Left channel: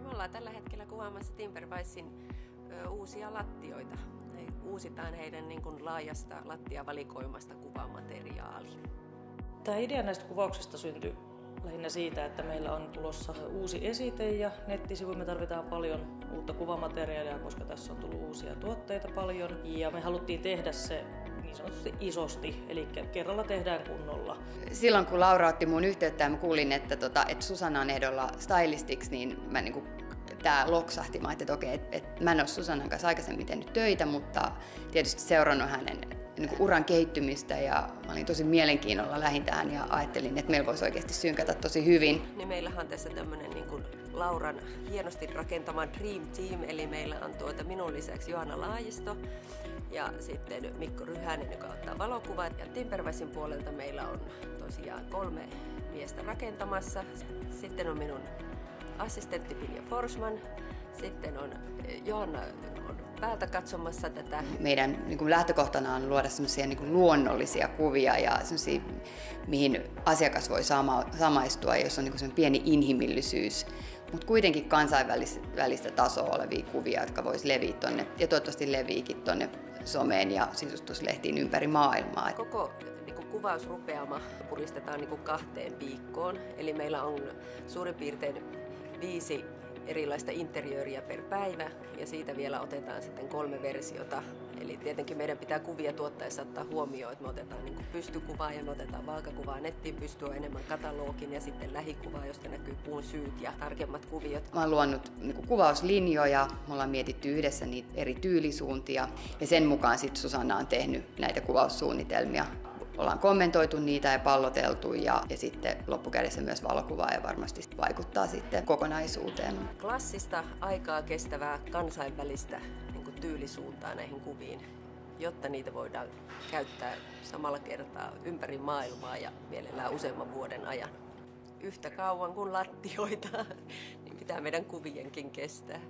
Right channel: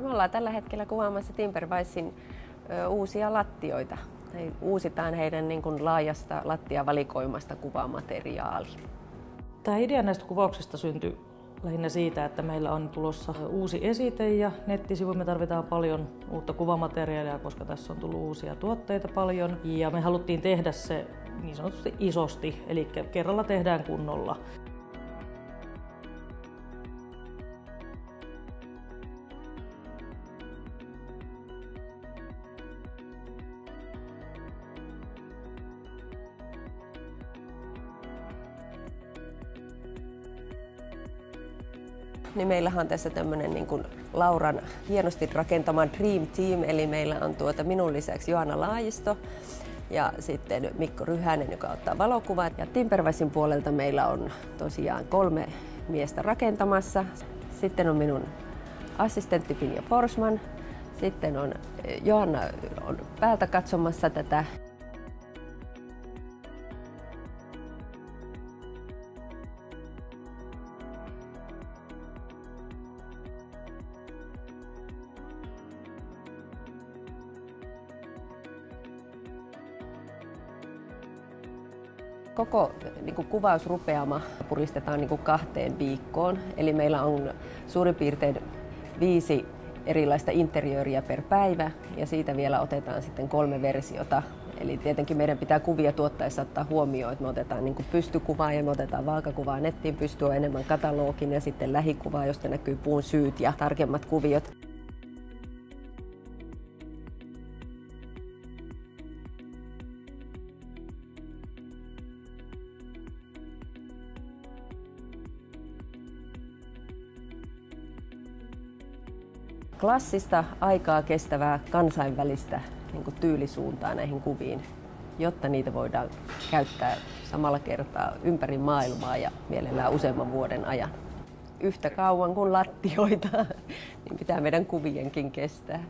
Me ollaan tällä hetkellä kuvaamassa Timberwisein uusia lattioita. Uusitaan heidän niin kuin laajasta lattiavalikoimasta kuvamateriaali. Tämä idea näistä kuvauksista syntyi lähinnä siitä, että meillä on tulossa uusi esite ja nettisivu. Me tarvitaan paljon uutta kuvamateriaalia, koska tässä on tullut uusia tuotteita paljon. Ja me haluttiin tehdä se niin sanotusti isosti, eli kerralla tehdään kunnolla. Silloin kun Laura otti mun yhteyttä ja mä kuulin, että Susanna on ehdolla stylistiksi, niin mä tää loksahti. Mä ajattelin, että okei, että mä en ole Susannan kanssa aikaisemmin tehnyt töitä, mutta tietysti seurannut hänen uran kehittymistä ja mä olin tosi mielenkiinnolla lähin tähän ja ajattelin, että meillä voisi oikeasti synkätä tosi hyvin. Niin meillähän on tässä tämmöinen niin kuin Lauran hienosti rakentama Dream Team, eli meillä on minun lisäksi Johanna Laajisto ja sitten Mikko Ryhänen, joka ottaa valokuvat. Ja Timberwisein puolelta meillä on tosiaan 3 miestä rakentamassa. Sitten on minun assistentti Pinja Forsman. Sitten on Johanna on päältä katsomassa tätä. Meidän lähtökohtana on luoda semmoisia luonnollisia kuvia ja semmoisia, mihin asiakas voi samaistua, jos on semmoinen pieni inhimillisyys, mutta kuitenkin kansainvälistä tasoa olevia kuvia, jotka voisi leviä tonne ja toivottavasti leviikin tonne someen ja sisustuslehtiin ympäri maailmaa. Koko kuvausrupeama puristetaan 2 viikkoon, eli meillä on suurin piirtein 5 erilaista interiööriä per päivä ja siitä vielä otetaan sitten 3 versiota. Eli tietenkin meidän pitää kuvia tuottaessa ottaa huomioon, että me otetaan pystykuvaa ja me otetaan vaakakuvaa. Nettiin pystyy enemmän katalogin ja sitten lähikuvaa, josta näkyy puun syyt ja tarkemmat kuviot. Mä oon luonut kuvauslinjoja, me ollaan mietitty yhdessä niitä eri tyylisuuntia ja sen mukaan sitten Susanna on tehnyt näitä kuvaussuunnitelmia. Ollaan kommentoitu niitä ja palloteltu ja sitten loppukädessä myös valokuvaa ja varmasti vaikuttaa sitten kokonaisuuteen. Klassista, aikaa kestävää, kansainvälistä tyylisuuntaa näihin kuviin, jotta niitä voidaan käyttää samalla kertaa ympäri maailmaa ja mielellään useamman vuoden ajan. Yhtä kauan kuin lattioita, niin pitää meidän kuvienkin kestää.